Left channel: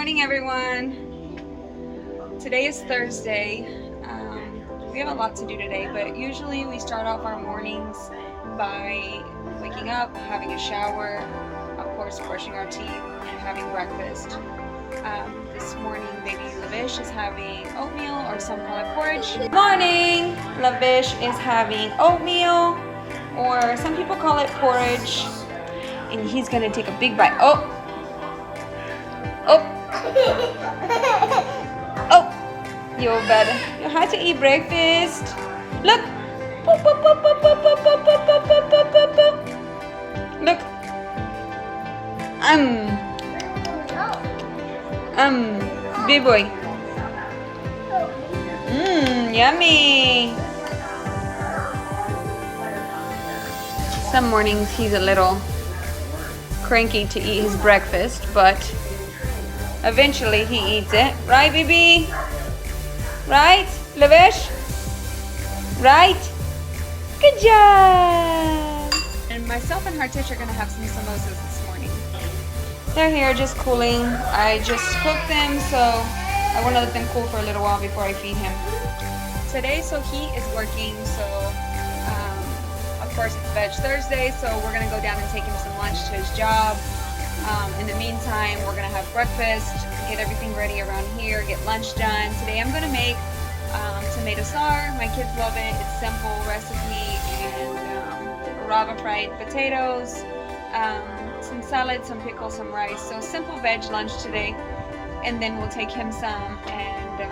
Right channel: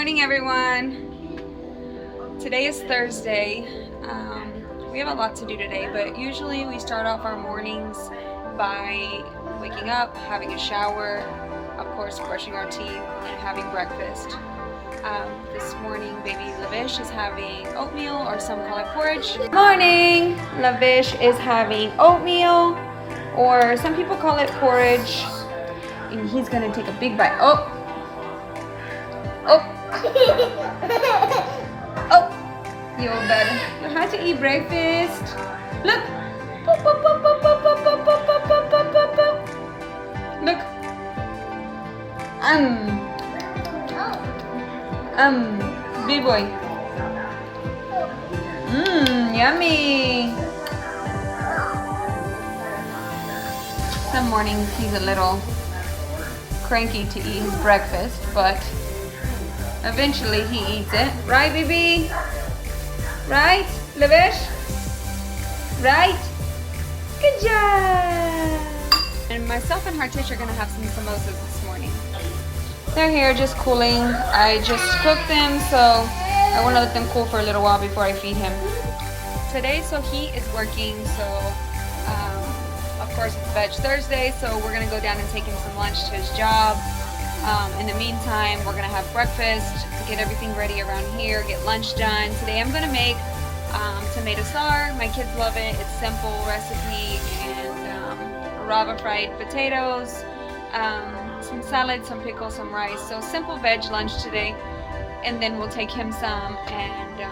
morning, everyone. Today is Thursday. We have a lot to do today, but usually we start off our mornings by waking up, having a shower, of course brushing our teeth, and having breakfast. This morning, baby Lavish is having oatmeal, or some call it porridge. Morning! Lavish is having oatmeal, or some people call it porridge, and he's gonna take a big bite. Oh! Oh, you better. You have to eat breakfast. Look. Look. Big boy. Yummy. Some mornings he's a little cranky to eat his breakfast, but eventually he eats it. Right, baby? Right, Lavish? Right? Good job! And myself and Hartish are gonna have some samosas this morning. They're here just cooling. I just cooked them, so I want to let them cool for a little while before I feed him. Today, so he is working, so of course it's Veg Thursday, so we're gonna go down and take him some lunch to his job. In the meantime, we're gonna have breakfast, get everything ready around here, get lunch done. Today I'm gonna make tomato sar. My kids love it. It's simple recipe, and rava fried potatoes, some salad, some pickles, some rice. So simple veg lunch today, and then we'll take him some. And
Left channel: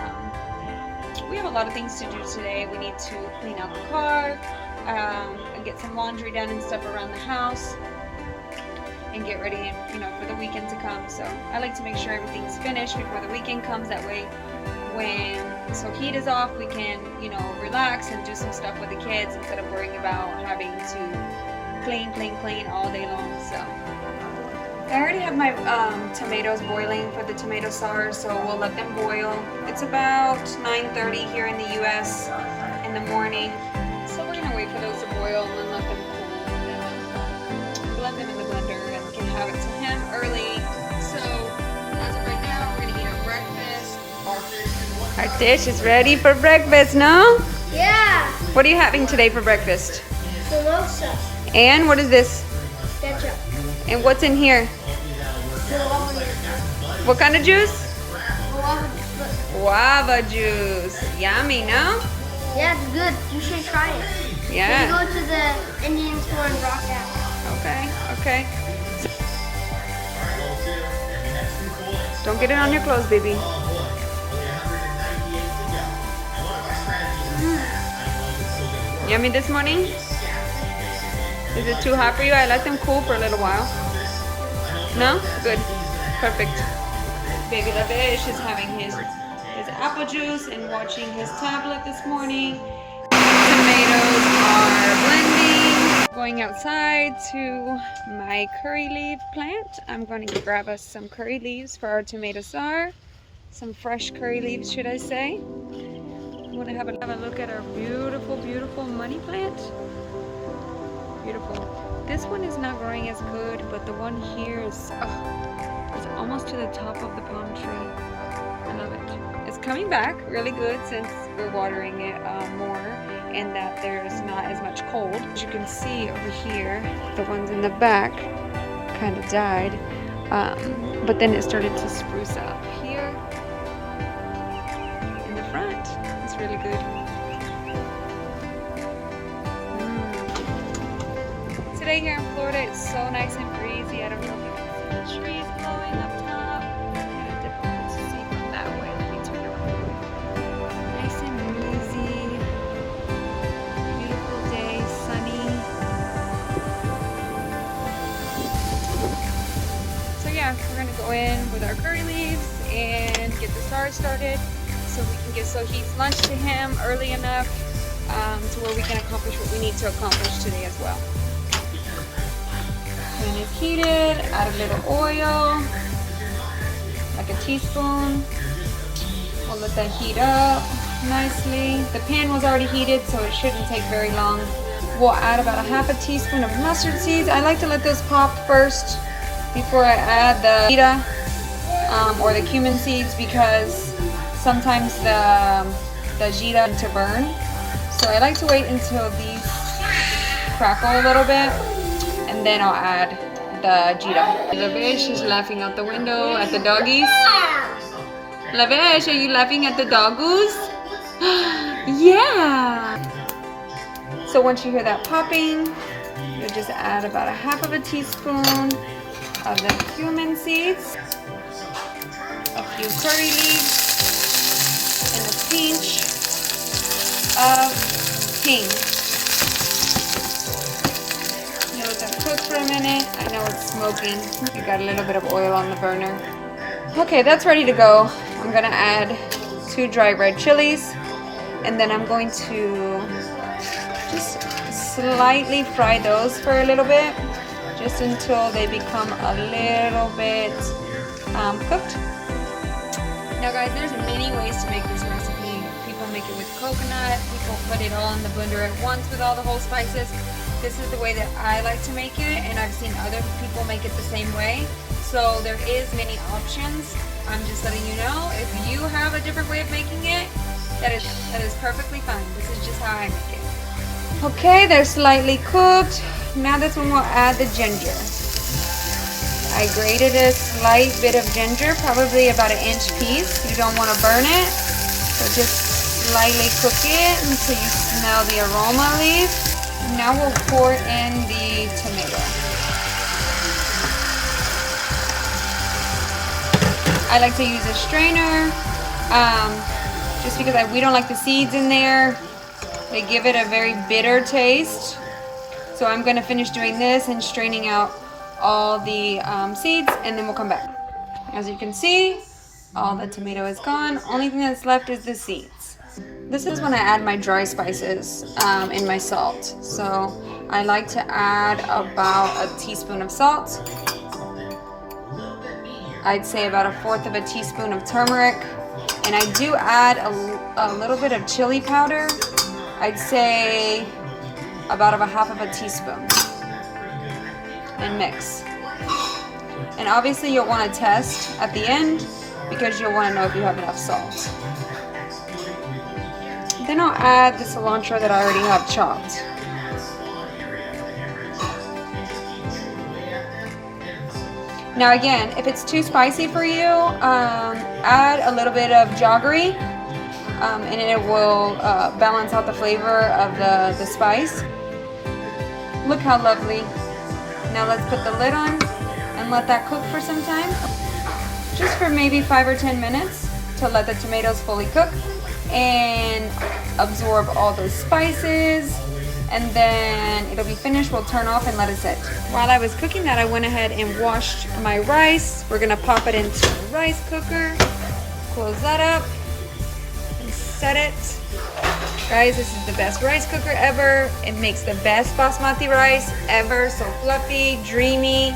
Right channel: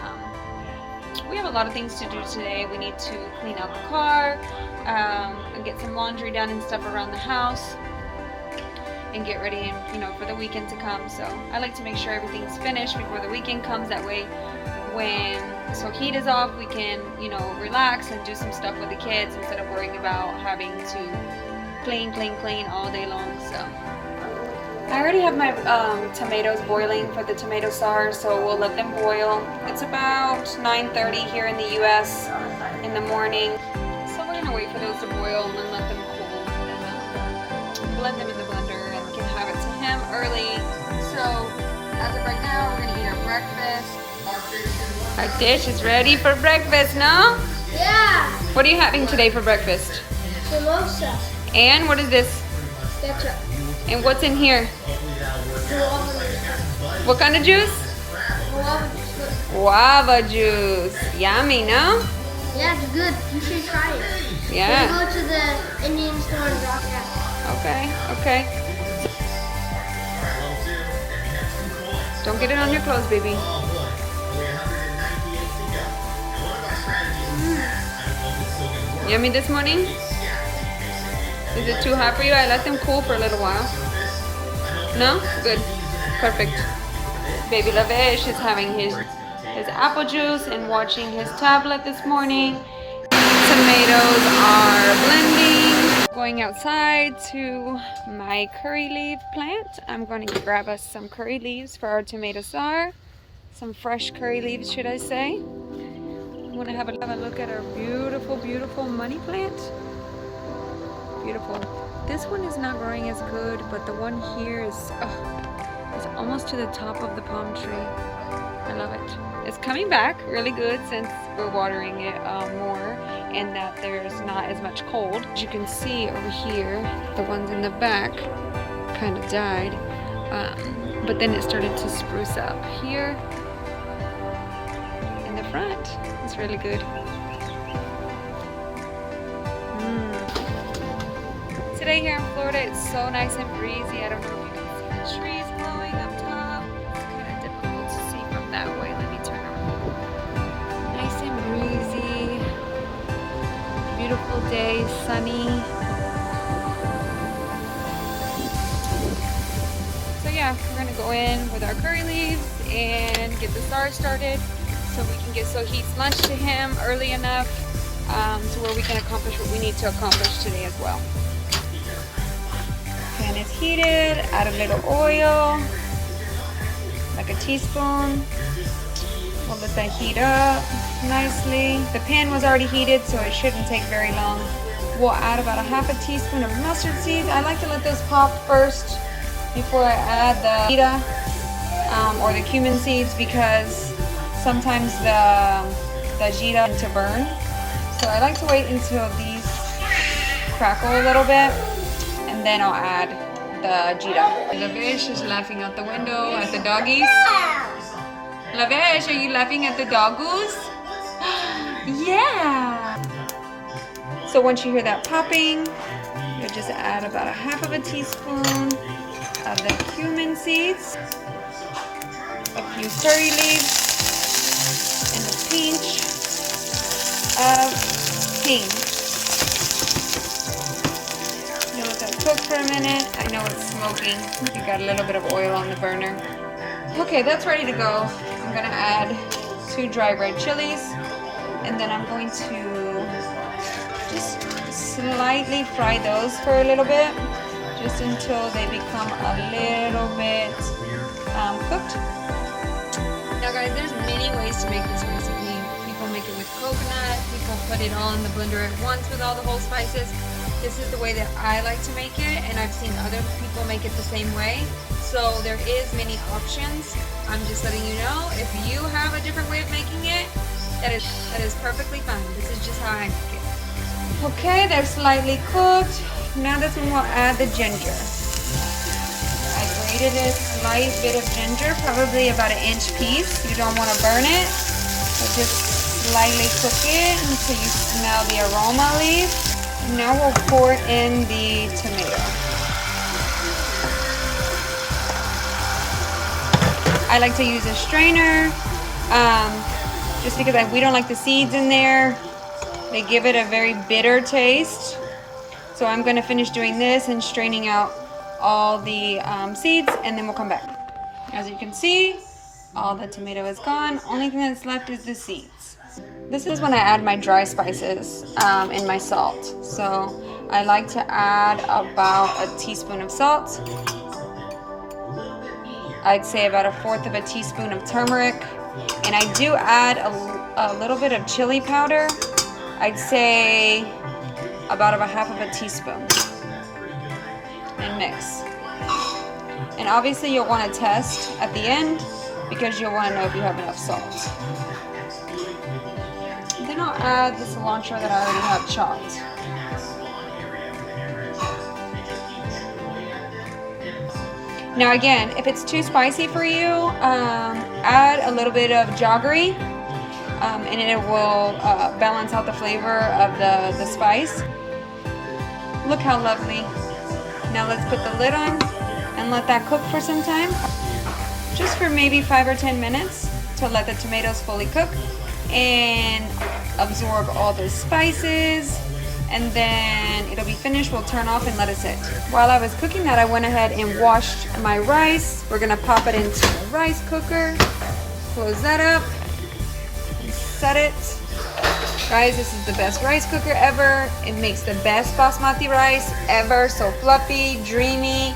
we have a lot of things to do today. We need to clean out the car, and get some laundry done and stuff around the house, and get ready, for the weekend to come. So I like to make sure everything's finished before the weekend comes. That way, when Sohit is off, we can, relax and do some stuff with the kids instead of worrying about having to clean all day long. So I already have my tomatoes boiling for the tomato sar, so we'll let them boil. It's about 9:30 here in the US in the morning. So we're gonna wait for those to boil and then let them cool, and then blend them in the blender and can have it to him early. So as of right now, we're gonna eat our breakfast. Our dish is ready for breakfast, no? Yeah. What are you having today for breakfast? Samosa. And what is this? Ketchup. And what's in here? Guava juice. What kind of juice? Guava juice. Guava juice. Yummy, no? Yeah, it's good. You should try it. Yeah. We'll go to the Indian store and rock that. Okay. Don't get it on your clothes, baby. Yummy this morning? Is it too hot for you? I let them cool for a little while. No? Good. Perfect. Baby Lavish is having his apple juice and watching his tablet this morning. Tomatoes are blending. Going outside to my curry leaf plant. I'm going to grab us some curry leaves for our tomato sar. Some fresh curry leaves, should I say. I want to have a look at our beautiful money plant. Beautiful. This one is not growing as good, but the one here is it's almost to the top of the palm tree. I love it. It's coming back really good since we're watering it more, and that there's not as much cold. As you can see over here, the ones in the back kind of died, but then it started to spruce up here in the front. It's really good. Today here in Florida, it's so nice and breezy. I don't know if you can see the trees blowing up top. It's kind of difficult to see from that way. Let me turn around. Nice and breezy. Beautiful day, sunny. So yeah, we're gonna go in with our curry leaves and get the sar started so we can get Sohit's lunch to him early enough to where we can accomplish what we need to accomplish today as well. Pan is heated, add a little oil, like a teaspoon. We'll let that heat up nicely. The pan was already heated, so it shouldn't take very long. We'll add about a half a teaspoon of mustard seeds. I like to let those pop first before I add the pita. or the cumin seeds, because sometimes the jira tend to burn. So I like to wait until these crackle a little bit, and then I'll add the jira. Lavish is laughing out the window at the doggies. Lavish, are you laughing at the doggoos? Yeah! So once you hear that popping, you'll just add about a half of a teaspoon of the cumin seeds, a few curry leaves, and a pinch of hing. You let that cook for a minute. I know it's smoking. You got a little bit of oil on the burner. Okay, that's ready to go. I'm gonna add 2 dry red chilies, and then I'm going to just slightly fry those for a little bit, just until they become a little bit cooked. Now guys, there's many ways to make this recipe. People make it with coconut, people put it all in the blender at once with all the whole spices. This is the way that I like to make it, and I've seen other people make it the same way. So there is many options. I'm just letting you know, if you have a different way of making it, that is perfectly fine. This is just how I make it. Okay, they're slightly cooked. Now this one we'll add the ginger. I grated a slight bit of ginger, probably about 1 inch piece. You don't want to burn it, so just slightly cook it until you smell the aroma leave. Now we'll pour in the tomato. I like to use a strainer, just because we don't like the seeds in there. They give it a very bitter taste. So I'm going to finish doing this and straining out all the seeds, and then we'll come back. As you can see, all the tomato is gone. Only thing that's left is the seeds. This is when I add my dry spices and my salt. So I like to add about a teaspoon of salt. I'd say about 1/4 of a teaspoon of turmeric. And I do add a little bit of chili powder. I'd say about 1/2 of a teaspoon. And mix. And obviously you'll want to test at the end, because you'll want to know if you have enough salt. Then I'll add the cilantro that I already have chopped. Now again, if it's too spicy for you, add a little bit of jaggery, and it will balance out the flavor of the spice. Look how lovely. Now let's put the lid on and let that cook for some time. Just for maybe 5 or 10 minutes to let the tomatoes fully cook and absorb all those spices. And then it'll be finished. We'll turn off and let it sit. While I was cooking that, I went ahead and washed my rice. We're gonna pop it into the rice cooker. Close that up and set it. Guys, this is the best rice cooker ever. It makes the best basmati rice ever. So fluffy, dreamy,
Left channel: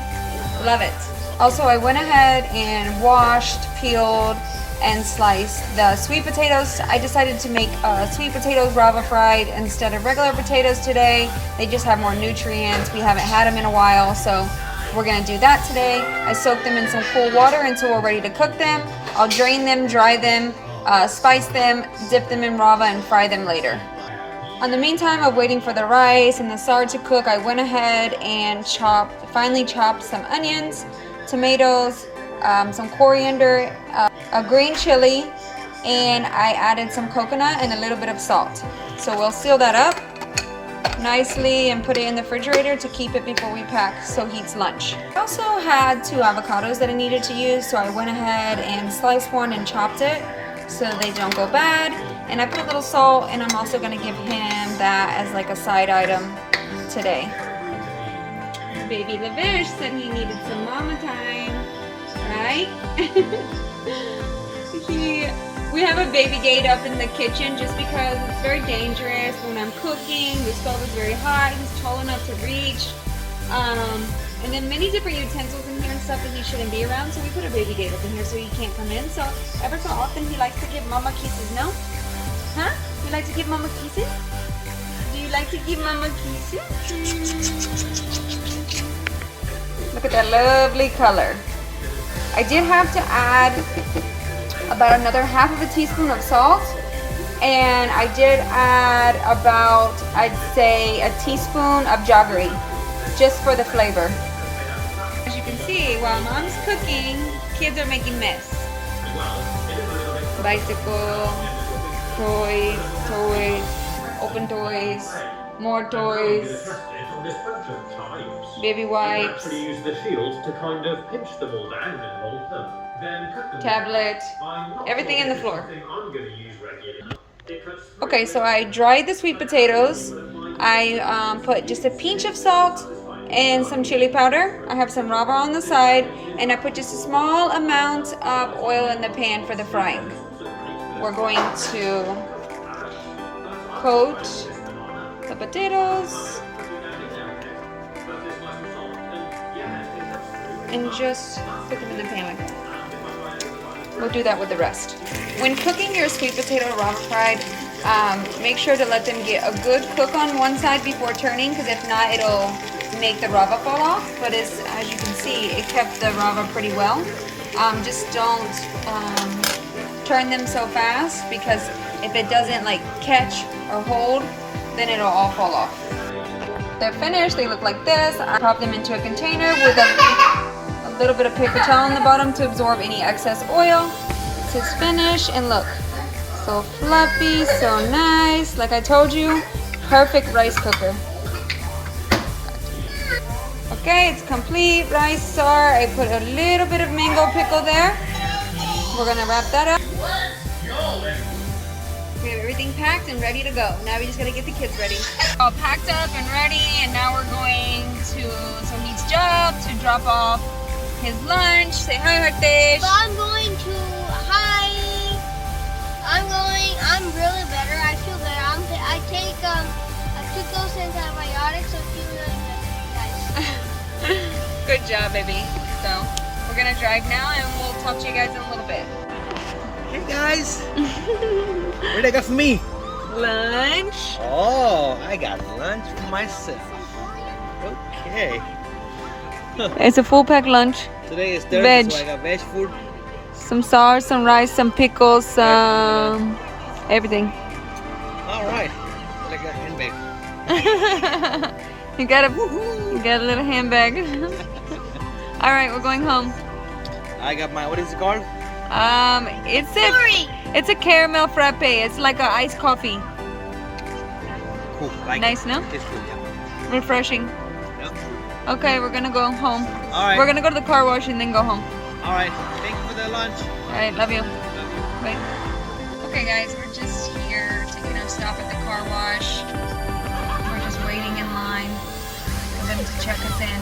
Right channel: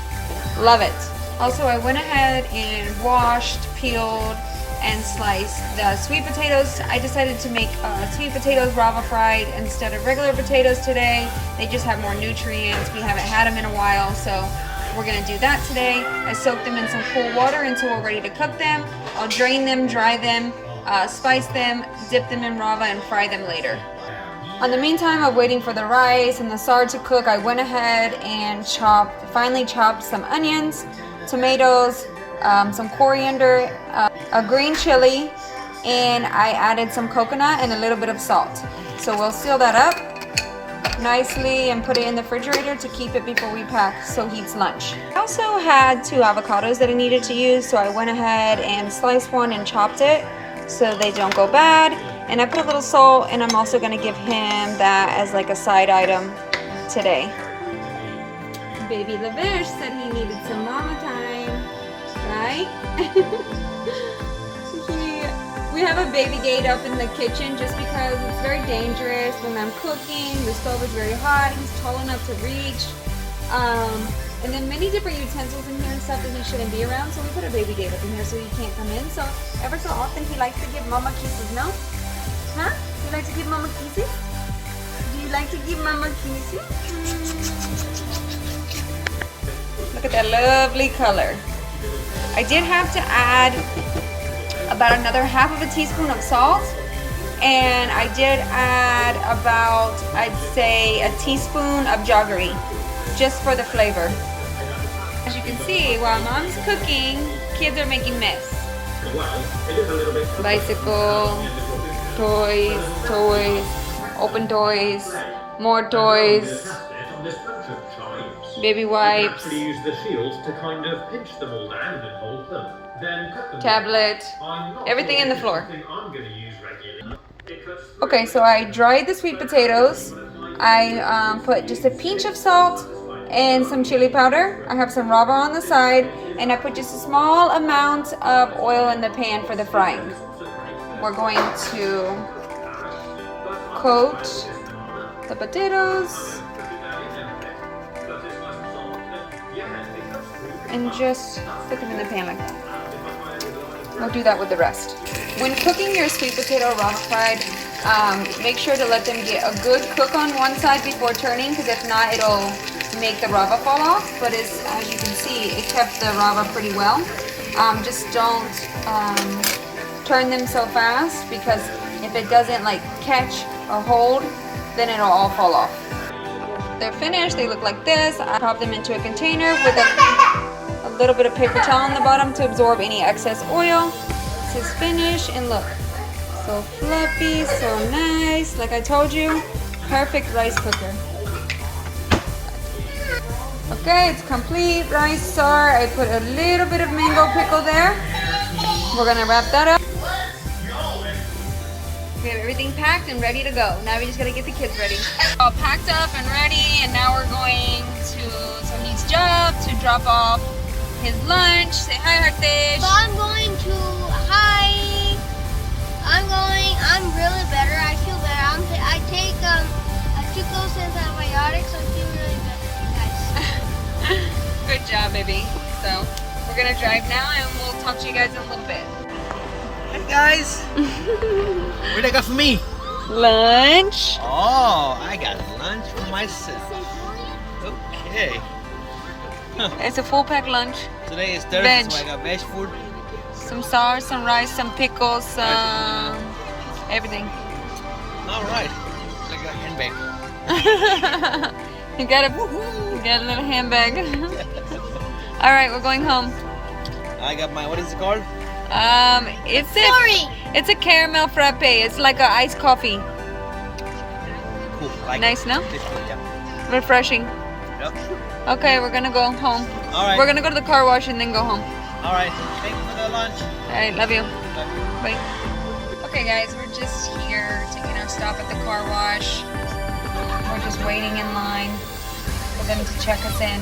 love it. Also, I went ahead and washed, peeled, and sliced the sweet potatoes. I decided to make sweet potatoes rava fried instead of regular potatoes today. They just have more nutrients. We haven't had them in a while, so we're gonna do that today. I soaked them in some cool water until we're ready to cook them. I'll drain them, dry them, spice them, dip them in rava, and fry them later. On the meantime of waiting for the rice and the sard to cook, I went ahead and finally chopped some onions, tomatoes, some coriander, a green chili, and I added some coconut and a little bit of salt. So we'll seal that up nicely and put it in the refrigerator to keep it before we pack so heat's lunch. I also had 2 avocados that I needed to use, so I went ahead and sliced one and chopped it so they don't go bad. And I put a little salt, and I'm also going to give him that as like a side item today. Baby Lavish said he needed some mama time, right? We have a baby gate up in the kitchen just because it's very dangerous when I'm cooking. The stove is very hot. He's tall enough to reach. And then many different utensils in here and stuff that he shouldn't be around. So we put a baby gate up in here so he can't come in. So ever so often he likes to give mama kisses, no? Huh? You like to give mama kisses? Do you like to give mama kisses? Look at that lovely color. I did have to add about another half of a teaspoon of salt, and I did add about, I'd say, a teaspoon of jaggery, just for the flavor. As you can see, while mom's cooking, kids are making mess. Bicycle, toys, open toys, more toys, baby wipes, tablet, everything in the floor. Okay, so I dried the sweet potatoes. I put just a pinch of salt and some chili powder. I have some rava on the side, and I put just a small amount of oil in the pan for the frying. We're going to coat the potatoes and just put them in the pan like that. We'll do that with the rest. When cooking your sweet potato rava fried, make sure to let them get a good cook on one side before turning, because if not, it'll make the rava fall off. But as you can see, it kept the rava pretty well. Just don't turn them so fast, because if it doesn't like catch or hold, then it'll all fall off. They're finished. They look like this. I pop them into a container with a little bit of paper towel on the bottom to absorb any excess oil. This is finished, and look, so fluffy, so nice. Like I told you, perfect rice cooker. Okay, it's complete. Rice star. I put a little bit of mango pickle there. We're gonna wrap that up. We have everything packed and ready to go. Now we just gotta get the kids ready. All packed up and ready, and now we're going to Sohit's job to drop off his lunch. Say hi, Hartesh. But I'm going to, I'm really better. I feel better. I took those antibiotics, so I feel really better, you guys. Good job, baby. So we're gonna drive now, and we'll talk to you guys in a little bit. Hey guys, what do you got for me? Lunch. Oh, I got lunch for myself. Okay. It's a full pack lunch. Today is Thursday, Veg. so I got veg food. Some sauce, some rice, some pickles, some everything. All right, like a handbag. You got a little handbag. All right, we're going home. I got my, what is it called? It's a caramel frappe. It's like a iced coffee. Cool, like Nice, no? Tastes good, yeah. Refreshing. Yep. Okay, we're gonna go home. All right. We're gonna go to the car wash and then go home. All right, thank you for the lunch. All right, love you. Love you. Bye. Okay, guys, we're just here taking our stop at the car wash. We're just waiting in line for them to check us in.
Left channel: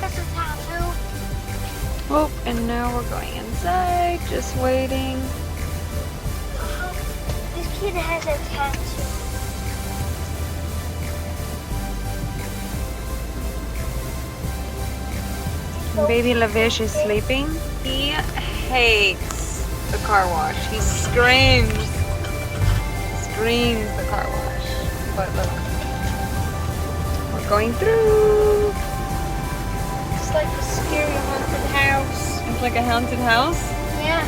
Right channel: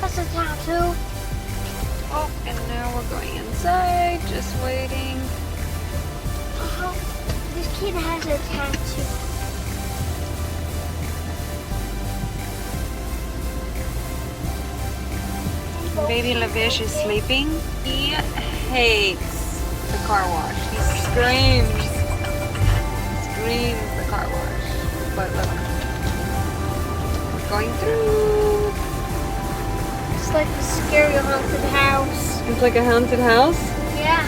That's a tattoo. Oh, and now we're going inside, just waiting. This kid has a tattoo. Baby Lavish is sleeping. He hates the car wash. He screams the car wash. But look, we're going through. It's like a scary haunted house. It's like a haunted house Yeah.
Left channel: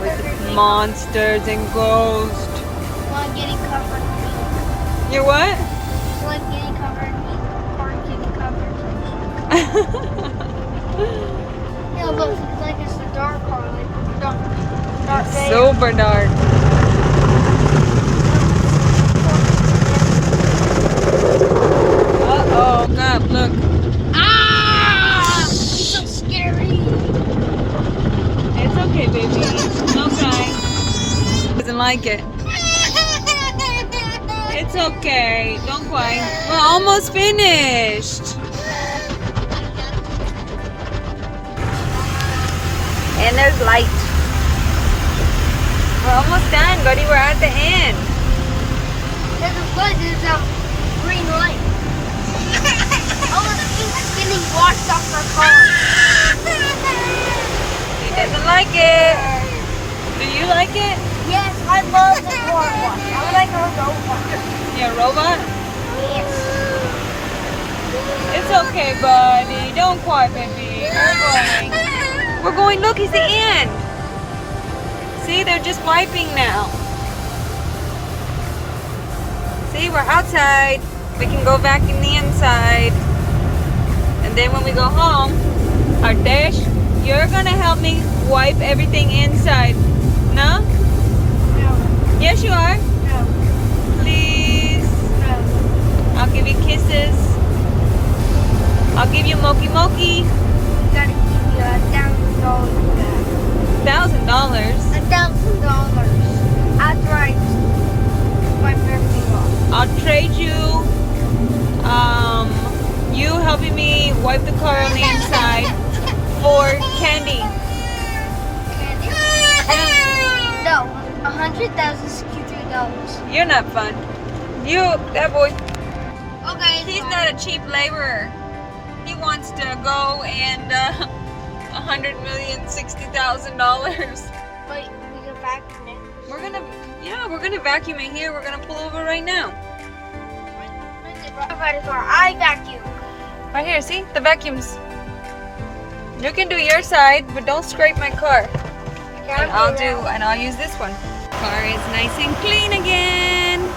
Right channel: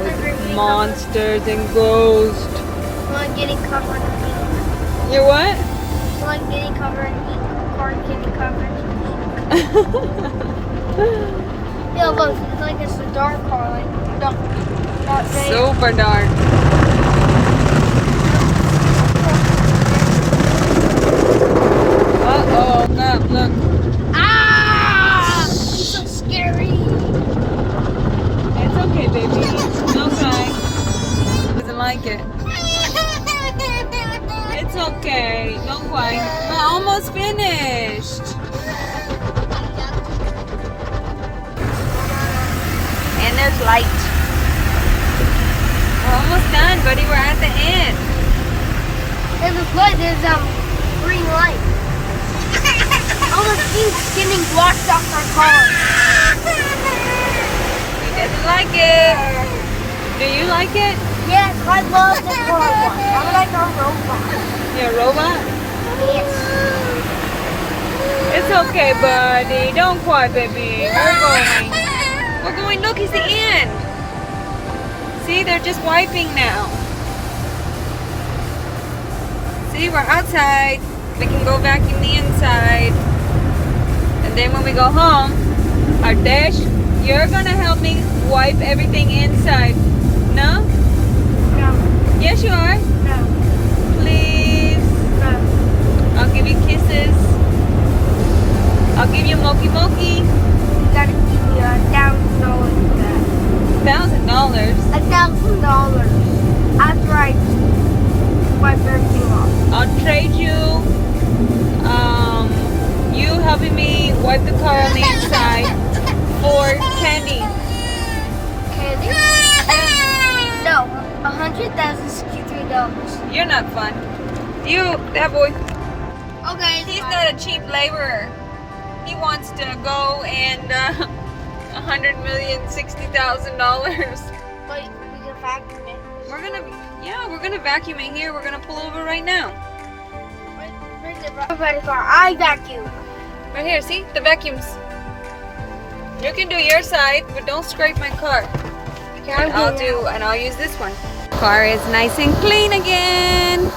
with Everything. monsters and ghosts. One getting covered in ink. You what? One getting covered in ink. Corn getting covered in ink. Yeah, look, it's like it's a dark part, like dark day. Super dark. Uh-oh, look. Ah! It's so scary. It's okay, baby. Don't cry. Doesn't like it. It's okay. Don't cry. We're almost finished. And there's light. We're almost done, buddy. We're at the end. There's a good, there's a green light. All the ink's getting washed off our car. He doesn't like it. Do you like it? Yes, I love the car wash. I'm like a robot. You're a robot? Yes. It's okay, buddy. Don't cry, baby. We're going. We're going, look, it's the end. See, they're just wiping now. See, we're outside. We can go vacuum the inside. And then when we go home, Artesh, you're gonna help me wipe everything inside. No? No. Yes, you are. No. Please. No. I'll give you kisses. I'll give you moki moki. You gotta give me $1,000 for that. $1,000. $1,000 after I wipe everything off. I'll trade you. You helping me wipe the car on the inside for candy. Candy? No, $163. You're not fun. You, that boy. Okay. He's not a cheap laborer. He wants to go and $160,000. But we can vacuum it. We're gonna vacuum it here. We're gonna pull over right now. Where's the vacuum car? I vacuum. Right here, see? The vacuums. You can do your side, but don't scrape my car. And I'll use this one. Car is nice and clean again.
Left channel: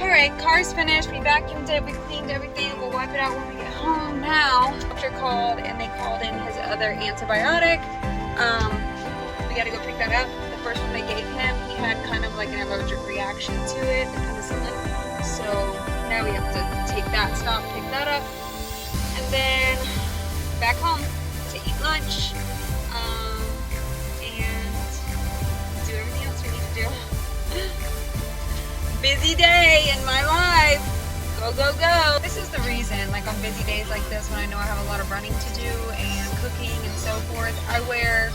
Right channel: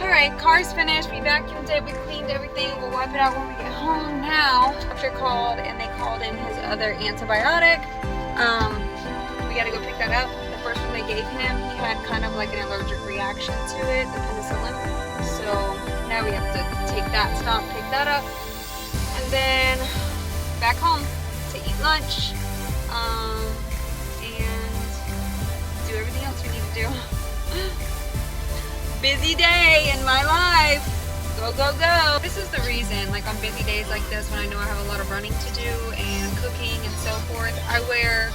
Alright, car's finished. We vacuumed it, we cleaned everything. We'll wipe it out when we get home now. Doctor called and they called in his other antibiotic. We gotta go pick that up. The first one they gave him, he had kind of like an allergic reaction to it, the penicillin. So now we have to take that, stop, pick that up, and then back home to eat lunch, and do everything else we need to do. Busy day in my life. Go, go, go. This is the reason, like on busy days like this, when I know I have a lot of running to do and cooking and so forth, I wear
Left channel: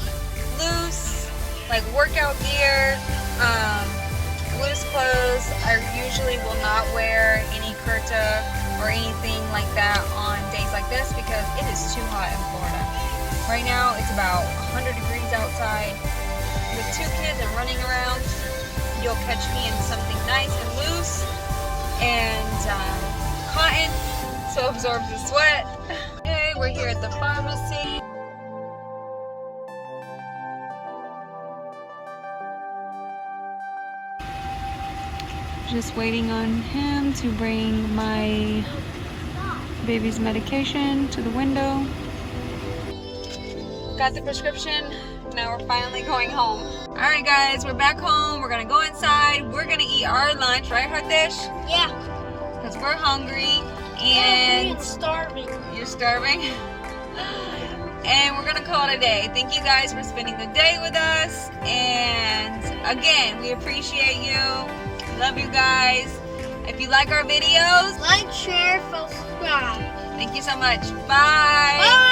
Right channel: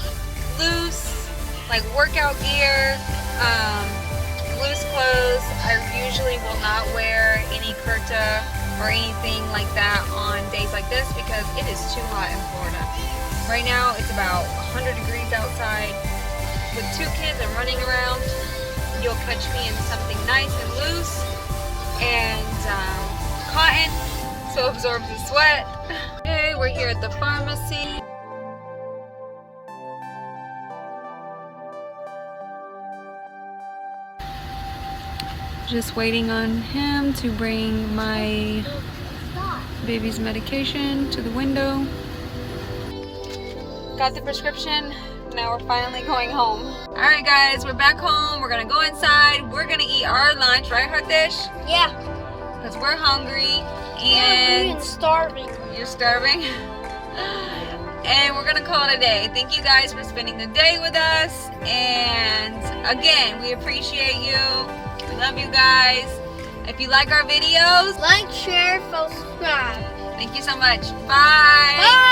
loose, like workout gear, loose clothes. I usually will not wear any kurta or anything like that on days like this because it is too hot in Florida. Right now it's about 100 degrees outside. With 2 kids and running around, you'll catch me in something nice and loose and cotton, so it absorbs the sweat. Okay, we're here at the pharmacy. Just waiting on him to bring my baby's medication to the window. Got the prescription. Now we're finally going home. Alright guys, we're back home. We're gonna go inside. We're gonna eat our lunch, right Hardish? Yeah. Because we're hungry And and starving. you're starving. And we're gonna call it a day. Thank you guys for spending the day with us. And again, we appreciate you. We love you guys. If you like our videos, Like, share, subscribe. thank you so much. Bye. Bye.